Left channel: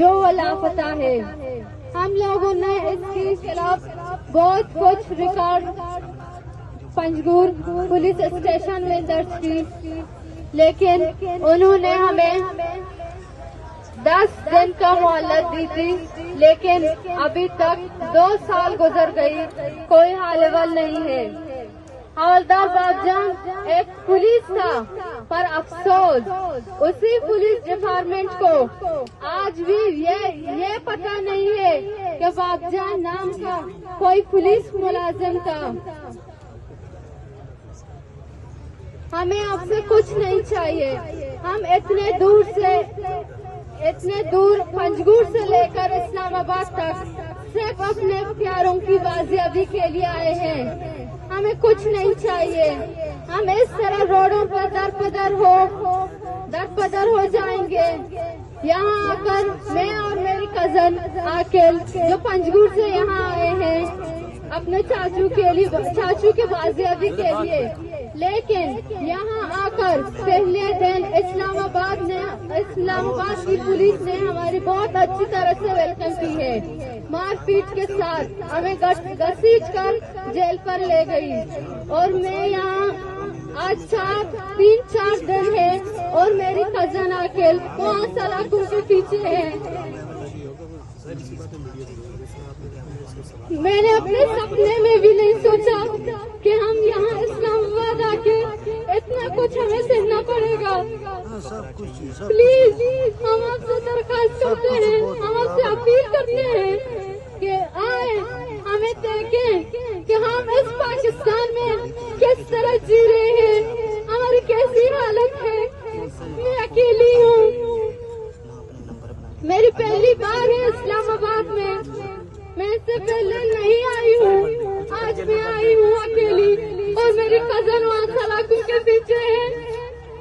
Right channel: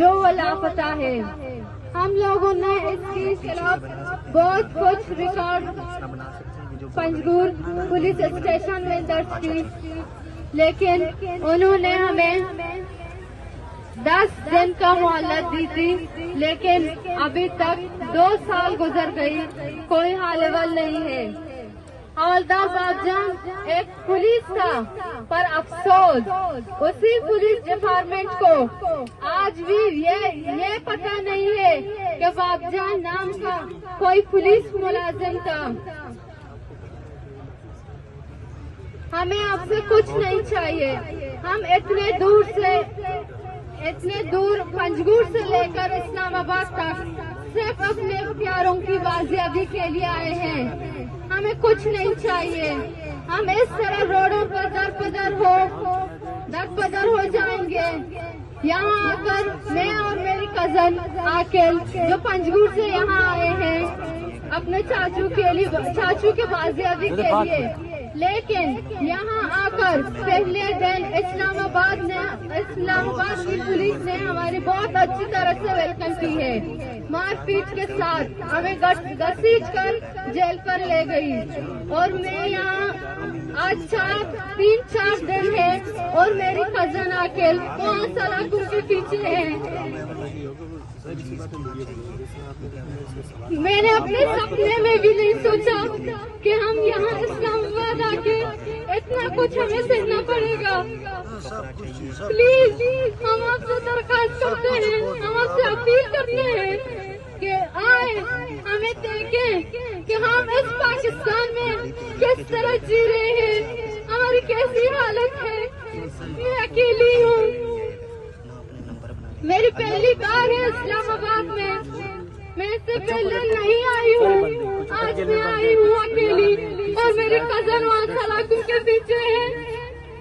जो वो लापता है। हम लोगों ने इसके खिलाफ बहुत कुछ रिकॉर्ड पंजगुर पुलिस स्टेशन में दर्ज की, लेकिन उन्होंने हमें 10 दिन का मोहलत दी थी, लेकिन अभी तक 2 साल गुजर गई, कोई हाल अहवाल नहीं है। हवलदार बाबजान एक पुलिस था, पर अफसोस उसी पुलिस डिपार्टमेंट को आज भी ये पता नहीं है कि बाबजान नाम का कोई पुलिस मुलाजिम था। हमें आपसे कुछ नहीं चाहिए। हम इतने दूर पंजगुर से लेकर इस्लामाबाद तक सिर्फ अपने प्यारों की बाजियाबी के लिए आए हैं। हमें कुछ नहीं चाहिए। हम इस तरह रोडों पर दर पदर हो जाएंगे। यहाँ आकर मैं और मेरी कजन आकिल जो पंजगुर से यहाँ आए हैं अपने चाचू की बाजियाबी के लिए, लेकिन यहाँ आकर पहले दिन इस्लामाबाद की पुलिस ने हमारी बहुत अच्छी तरह से वेलकम की है। मारपीट के साथ हमें घसीट कर जेल पर ले गई। और मैं यहाँ आज 3-4 दिन है और मेरी कजन आकिल 5 सलाखों के पीछे है। मैंने अपने सपने में भी नहीं सोचा कि हम यहाँ इस्लामाबाद आके इतना कुछ हमें सहना पड़ेगा। प्लीज हम आपसे दरखास्त करते हैं, हम आपसे अपील करते हैं कि आए हमें देखें कि हम इस पाकिस्तान में किस तरह जी रहे हैं, हमारी कैसी हालत है। मैं अकेली हूँ, मेरी पहली बार है इस्लामाबाद में। मैं इससे पहले नहीं आई हूँ, आज मैं आई हूँ अकेली और मेरी कजन वहाँ सलाखों के पीछे है।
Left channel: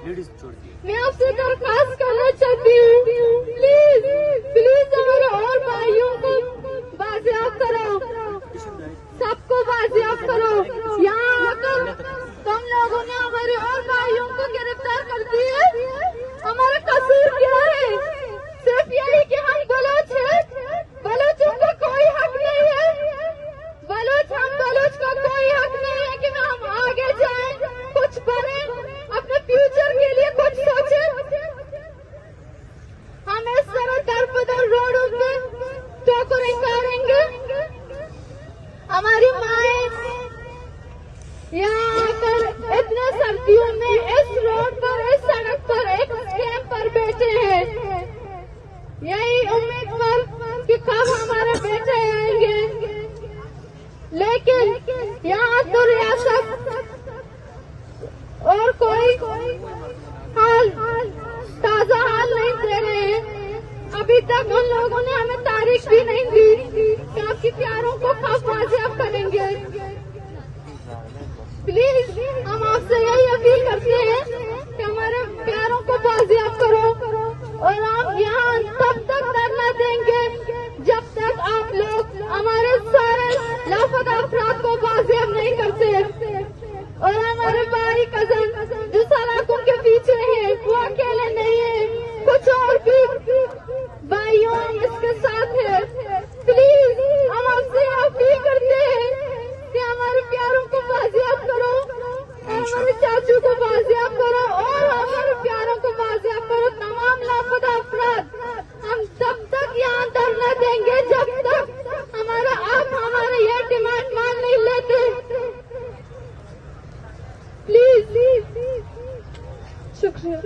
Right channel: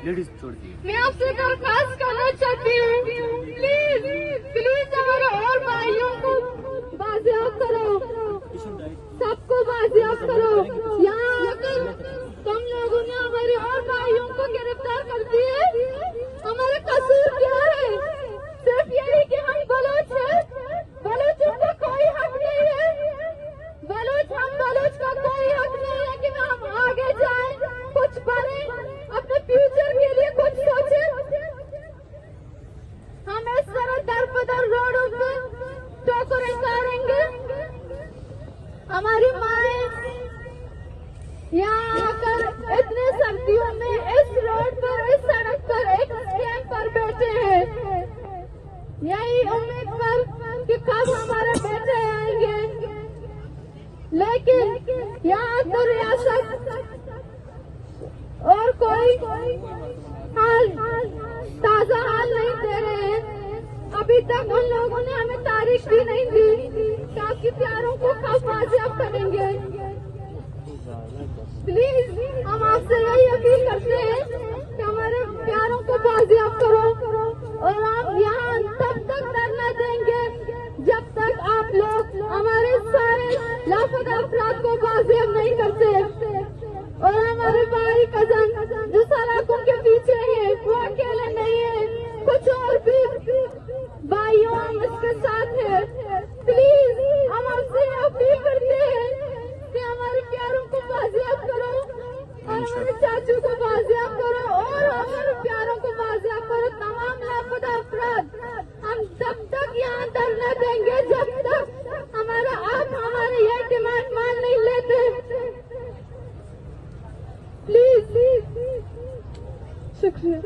मैं आपसे दरखास्त करना चाहती हूँ, प्लीज हमारे और भाइयों को बाजियाब करो, सबको बाजियाब करो। यहाँ आकर तुम लोगों ने हमारे और भाइयों को गिरफ्तार कर दिया। हमारा कसूर क्या है? सिर्फ यही कि हम बलोच हैं। बलोचों का कोई हक नहीं है। बलोच का कोई हक नहीं है कि हम आगे जाएं, कुछ करें, अपने फ्यूचर के लिए कुछ सोचें। हम इस तरह दर रोडों पे ठोकरें करेंगे। हमारी माएं यहाँ आकर इतने सर्दियों में इस रोड पर, इस सड़क पर, एक स्टैंड पर बैठे हैं, यही उम्मीद पर कि कब हमारे बेटे आएंगे। लेकिन यहाँ तो रियासत और कोई ताजा हाल नहीं दे रहे हैं। अभी तक उन लोगों ने हमें तारीख भी नहीं दी कि आपकी प्यारों को कब बाजियाब करेंगे। प्लीज हम आपसे यही अपील करते हैं कि हमारे प्यारों को बाजियाब करो और हम यहाँ तब तक धरना देंगे जब तक आप लोग हमारे सारे लापता अफराद को बाजियाब नहीं करते। और हमारे भाई कजन जो सलाखों के पीछे है वो अकेले नहीं है, कुछ और भी भाइयों इसके साथ है। प्लीज हम आपसे अपील करते हैं कि हमारे प्यारों को बाजियाब करो, हमारे चाचू को बाजियाब करो और हमारे प्यारों को बाजियाब करो। तमाम लापता अफराद हम तब तक यहाँ धरना देंगे जब तक आप हमारे ये डिमांड मान नहीं लेते। प्लीज शुक्रिया।